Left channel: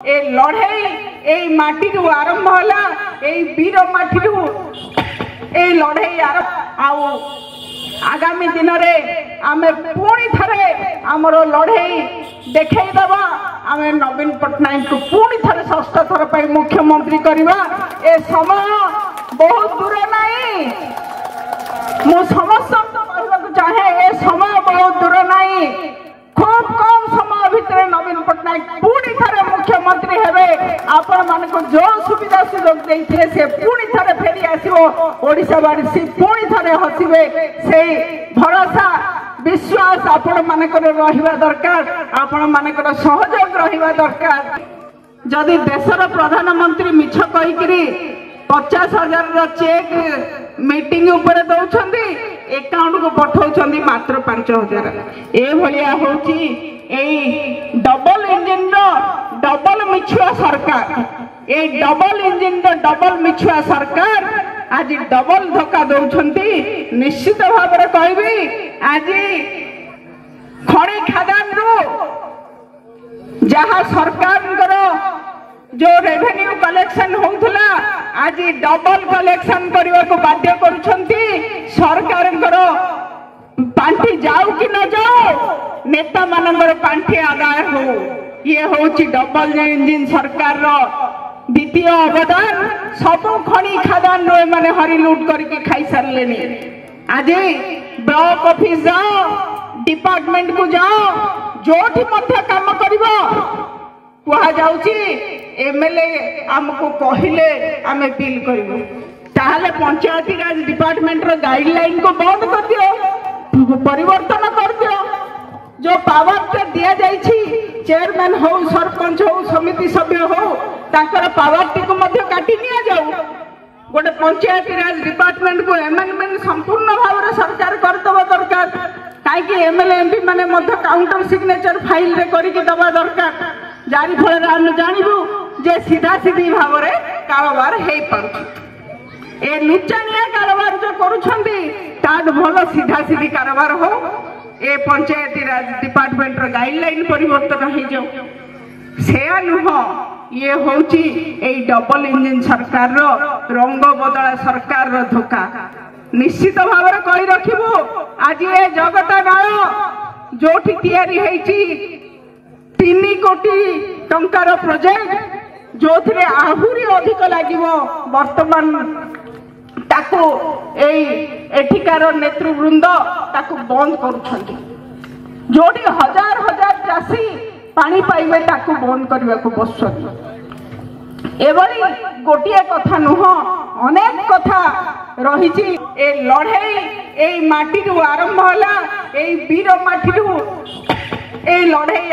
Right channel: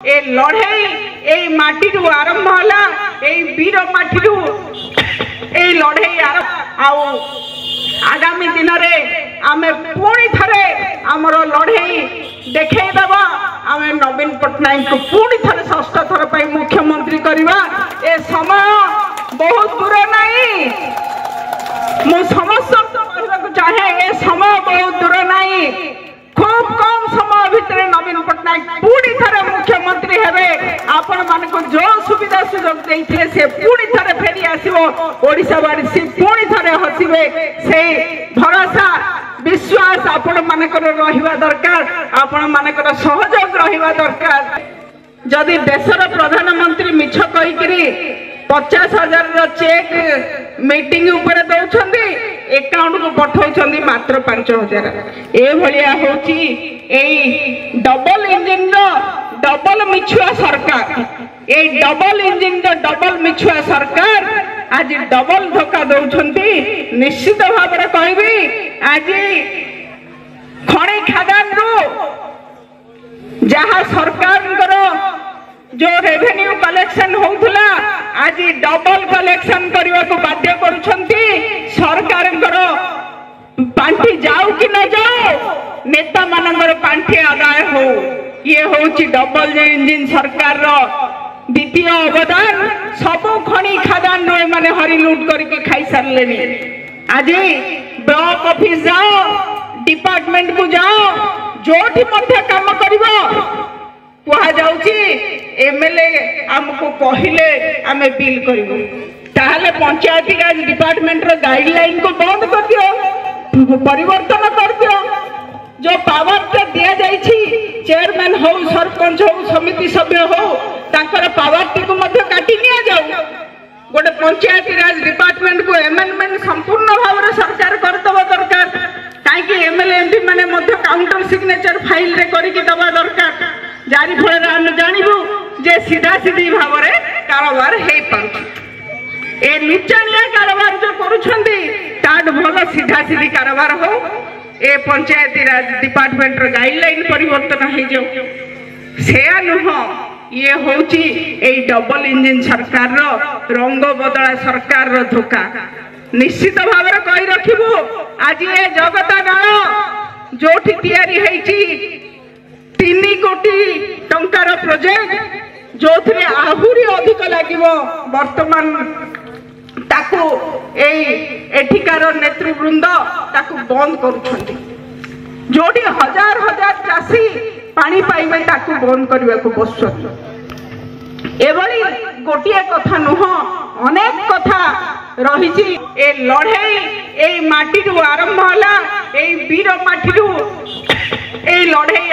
ए लड़ाई ए माटी आरंभ होला ए वीर माटी ए लड़ाई आगामी दिन में आमे पुणी थरे आमर लड़ाई देखई दबा आमे नवीन पट्टनायक को पुणी थरे षष्ठ थर पर मुख्यमंत्री करवा ए समय बहुत दूर नहीं मु समस्त कहवाक चाहे ए समय बहुत दूर नहीं खूब कम समय भितर नवीन पट्टनायक पुणी थरे मुख्यमंत्री हेबे आपण मान को जो सुविधा सुयोग देइथिले से पुणी थरे फेरी आसीबो ओडिसावासी पुणी थरे हसिबे से भरोसा विश्वास आपण मानकर रहिबा दरकार आपण मानकर सहयोग रहिबा दरकार। जदि देशर प्रधानमंत्री मिछ कहिकरी 50,000 चेक मीटिंग ऊपर दौरान एकाउंट को पठाउछंदी मात्र 5,000 ए भलिया होची ए डबल इंजिन डबल मिछुआ सरकार ए डबल इंजिन डबल मिछुआ सरकार आज डबल धक्का दौरान निश्चित भाव में कहबी आज खणी खादान जहाँ सरकार जो रेवेन्यू कलेक्शन होउथला आज डबल कलेक्शन करने को बाध्य करुछंती सरकार पांठी जाऊ कि न जाओ नेता मानकर पांठी आदाय हो ये होची डबल इंजिन सरकार द्वितीय अवदान सब खणी खादान मैंने हरिलुट करके खाई सारे आज ब्लॉक ऑफिस जाओ डिपार्टमेंट को जाओ जो काम कर कह जाउची एमएलए हमको कहले आमे बिल करिवो ताहले पंचायती राज डिपार्टमेंट रो गाइडलाइन को बंद कर दियो परिवर्तन कर दियो जो पावर के दिया जाइछि चेयरमैन हो सरपंच हो समिति सभ्य हो ताकर पावर टी को मध्य काटी निया जाऊ गोटे पंचायती राज डिपार्टमेंट को अमेंडमेंट संपूर्ण भाव रे सरकार करतबा दरकार काई एमएलए एमपी माने मध्य काउंटर सिग्नेचर फाइल रे करी के दबा दरकार जारी फल जानबू जे सीधा सीधी भाव में कारोबार हे पार ए लुचानिया कारोबार जो करुछंदी ताड भल सीधा सीधी कारोबार हो ए पंचायती राज डिपार्टमेंट रो गाइडलाइन परिवर्तन हे जो सेया नुह ये होची ए डबल इंजिन सरकार रो रंग बदला सरकार रो धोखा निश्चित भाव में कहि रखिबू आज ए जगत नाल जोठी तयारी हेची 3 कोटी टंकार प्रोजेक्ट जो थे आहुरी अधिक लगे वर्तमान ताकू एठिकार नेतृवृंद ताकू बंद करुछंती जोटी हजार हजार चाषी पानी पाइबे ताकू बंद करने को बसुछंती एभली गोटिए कथा नुह अनेक कथा रही ए लड़ाई ए माटी आरंभ होला ए वीर माटी ए लड़ाई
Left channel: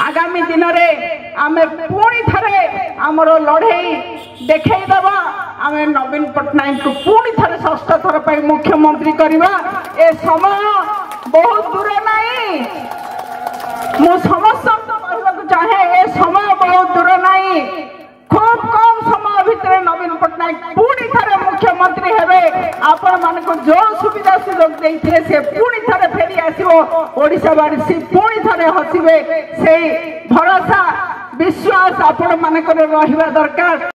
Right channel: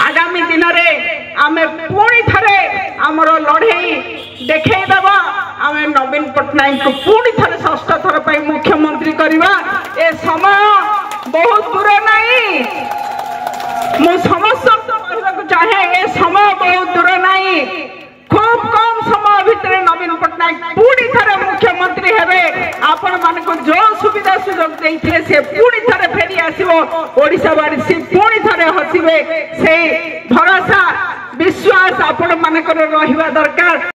आगामी दिन में आमे पुणी थरे आमर लड़ाई देखई दबा आमे नवीन पट्टनायक को पुणी थरे षष्ठ थर पर मुख्यमंत्री करवा ए समय बहुत दूर नहीं मु समस्त कहवाक चाहे ए समय बहुत दूर नहीं खूब कम समय भितर नवीन पट्टनायक पुणी थरे मुख्यमंत्री हेबे आपण मान को जो सुविधा सुयोग देइथिले से पुणी थरे फेरी आसीबो ओडिसावासी पुणी थरे हसिबे से भरोसा विश्वास आपण मानकर रहिबा दरकार।